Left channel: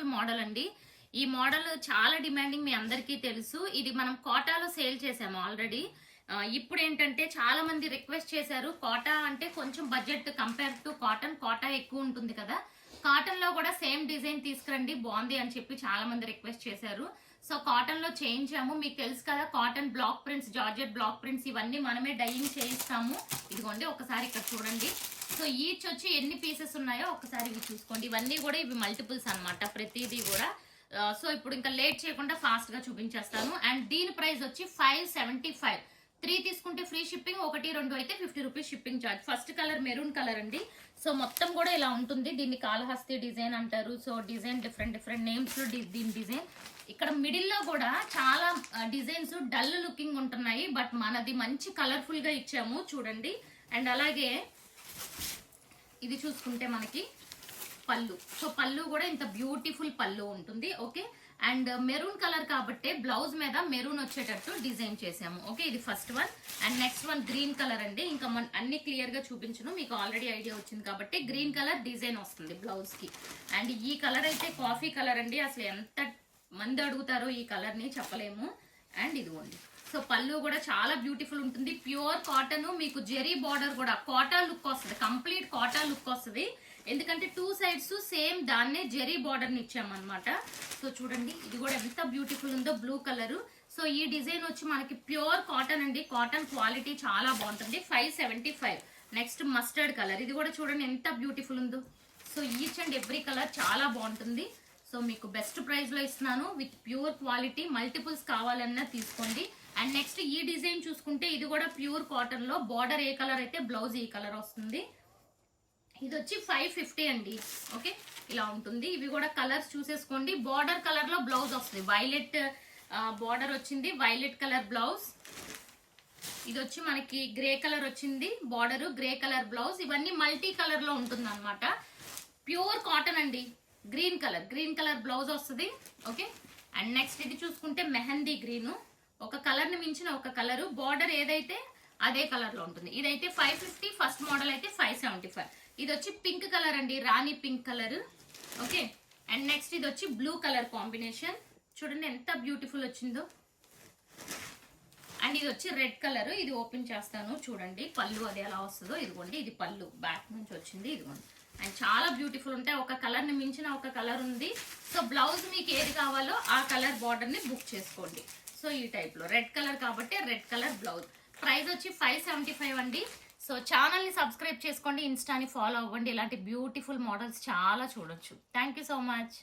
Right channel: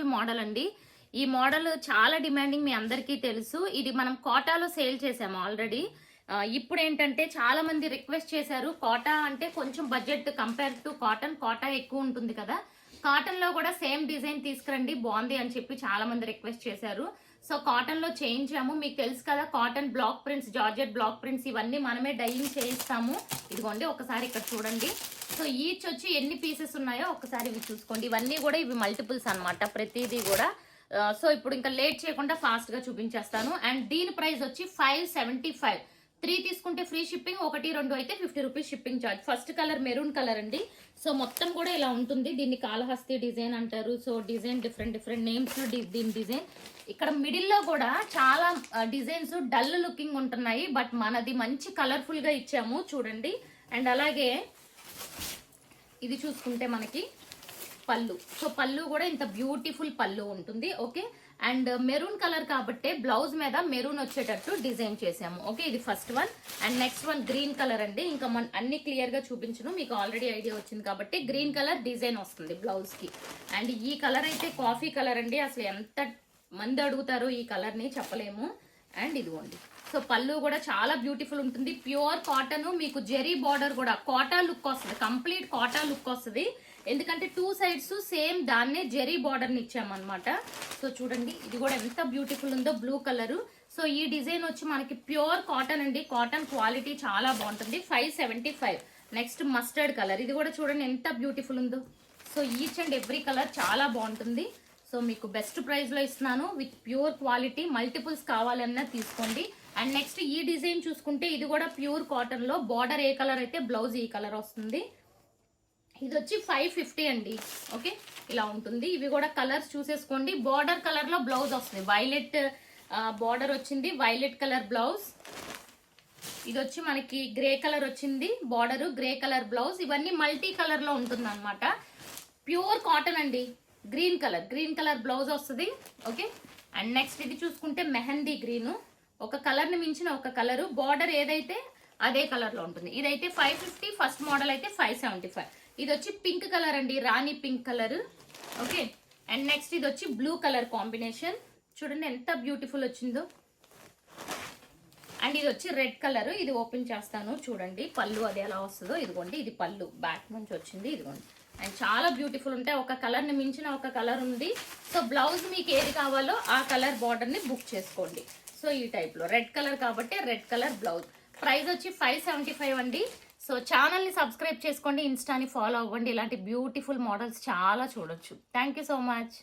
Beautiful model అండి. ఈ model చాలా డిమాండింగ్, మీ అందరికీ తెలుసు. ఇది మనం కోటాలో సేల్ చేసాము ఆల్రెడీ. ఇప్పుడు ఏంటంటే చాలా మంది రిక్వెస్ట్ చేశారు, కోటా అంటే కొంచెం budget compare to cotton, Kota ఎక్కువ ఉంటుంది కదా, కాటన్ లో కూడా సేమ్ డిజైన్ తీసుకురండి బాగుంది అని చెప్పి చాలా మంది రిక్వెస్ట్ చేశారు. సో కాటన్ లో చేయించాము. మీకు తెలుసు కదా, cotton block prints, georgette block prints ఇవన్నీ మనమే డైయింగ్ చేయిస్తాము. ఇదిగోండి ఒకసారి ఇక్కడ చూడండి. సో ఈచ్ వచ్చి ఎన్ని పీసెస్ ఉన్నాయో ఒకసారి ఇవి చూసుకోండి. ఇవన్నీ కూడా ఇవి మల్టిపుల్స్ అన్నమాట, ప్రతిదీ కూడా. సో ఇప్పుడు ఇంకా లేట్ చేయకుండా ఫాస్ట్ గా చూపించేస్తాను. అండ్ దీని ప్రైస్ వచ్చి 575. 3 తీసుకుంటే ఫ్రీ షిప్పింగ్, 1, 2 అయితే 50 rupees shipping charge. First colour maroon colour అండి. సో మొత్తం కూడా ఇలా ఉంటుంది. దీన్ని కాళహస్తి డిజైన్ అంటారు. సో డిజైన్ డిఫరెంట్ నేమ్స్ లో దీని డిజైన్. ఇక్కడ మిడిల్ లో కూడా చాలా డిజైన్స్ డల్ లుకింగ్ ఉంటున్నాయి, బట్ మనది మంచి కలర్ఫుల్ గా ఇచ్చాము చూడండి. అండ్ అలాగే ఇది చూసుకుంటే మనకి పళ్ళు. సో పళ్ళు కూడా ఇంత బ్యూటిఫుల్ పళ్ళు ఉంటుంది. ఓకే, అండ్ మెరూన్ కలర్ కాబట్టి బ్లౌజ్ మీద మెరూన్ వచ్చేటట్టు డిజైన్ చేసాము. ఓకే, ఇది first one. And next one green colour అండి. ఇంకా అన్ని క్లియర్ గా చూపించను, మీకు ఆల్రెడీ ఐడియా వచ్చింది కాబట్టి. గ్రీన్ కలర్ డిజైన్ వస్తుంది బ్లౌజ్ కి. అండ్ ఈ కలర్ అయితే కాఫీ కలర్ అండి. అసలు ఎంత మంది అడుగుతారో ఈ కలర్ ని చెప్పలేము. అండ్ ఇదిగోండి, సో పళ్ళు కూడా చాలా బ్యూటిఫుల్ ఉంటుంది. ప్యూర్ కాటన్, మీకు జెరీ బార్డర్ కూడా కోటా లుక్ వస్తుంది, కంప్లీట్ కోటా లుక్ వస్తుంది. ఎందుకంటే 2 సైడ్స్ సేమ్ దాన్నే జెరీ బార్డర్ ని ఇచ్చామన్నమాట. సో చూడండి, ఇది కూడా ఎంత బ్యూటిఫుల్ ఉందో, బ్లూ కలర్. సో ఈ డిజైన్ వచ్చి మనకి ప్యూర్ కాటన్ అండి. కాటన్ క్వాలిటీ చాలా బాగుంటుంది. 575. Next mustard colour. ఇది కూడా చూడండి ఎంత బ్యూటిఫుల్ ఉందో. So each and every colour చాలా బాగుంటుంది. సో మీకు బెస్ట్ ప్రైస్ లో ఇస్తున్నాను, విత్ ప్యూర్ క్వాలిటీ. మల్టిపుల్స్ కావాలన్నా తీసుకోండి. అండ్ నెక్స్ట్ ఈ డిజైన్ చూసుకుంటే ఇది కూడా ప్యూర్ కాటన్ లో, బార్డర్ ఏ కలర్ అయితే బ్లౌజ్ ఈ కలర్ వస్తుంది. ఇది వచ్చి 550 అండి. ఓకే, ఇలా ఉంటుంది. ఇవి కూడా కలర్స్ చూసేసుకోండి. బార్డర్ కలర్ లో బ్లౌజ్ వస్తుంది, వైలెట్ బార్డర్ వచ్చింది, వైలెట్ కలర్ బ్లౌజ్. ఇది వచ్చి మనకి గ్రే కలర్ వచ్చింది బార్డర్, గ్రే కలర్ బ్లౌజ్. ఇవన్నీ మల్టీ కలర్ లో ఉంటుంది అనమాట. ప్యూర్ కాటన్ అండి. గ్రీన్ కలర్ బ్లౌజ్ వస్తుంది. ఓకే, అండ్ నెక్స్ట్ ఇది చూసుకుంటే మెహందీ గ్రీన్. ఒక కలర్ ని మించిన ఒక కలర్, బార్డర్ ఏదైతే అదే కలర్ లో ఉంటుంది. ఇదైతే 550, ఫస్ట్ మోడల్ అయితే 575. ఇది వచ్చి పింక్ కలర్ అండి, రాణి pink colour. Okay, and next ఇది వచ్చి బ్లూ కలర్ కాంబినేషన్. చూడండి ఎంత బ్యూటిఫుల్ వచ్చిందో. అండ్ ఇది వచ్చి రెడ్ కలర్. ఇది ఓపెన్ చేస్తాను చూడండి, పళ్ళు అది ఎలా వస్తుందో. ఇదిగోండి, ఇది పళ్ళు బ్యాక్ నుంచి వచ్చింది. ఇదిగోండి, అండ్ చాలా బ్యూటిఫుల్ ఉంటాయి. ఒక కలర్ ని మించిన ఒక కలర్ ఉంది. సో బ్లౌజ్ మీకు ఏది కావాలో ఆ కలర్ బార్డర్ ని బుక్ చేసుకోండి. సో ఈ టైప్ లో రెడ్ కలర్ కాబట్టి రెడ్ కలర్ బ్లౌజ్. ప్రైస్ వచ్చి 575 అండి. సో ఛానల్ ని సబ్స్క్రైబ్ చేసుకోండి, ఇన్స్టాని ఫాలో అవ్వండి. ఇలాంటి బ్యూటిఫుల్ మోడల్స్ చాలా చూడొచ్చు. Thank you so much.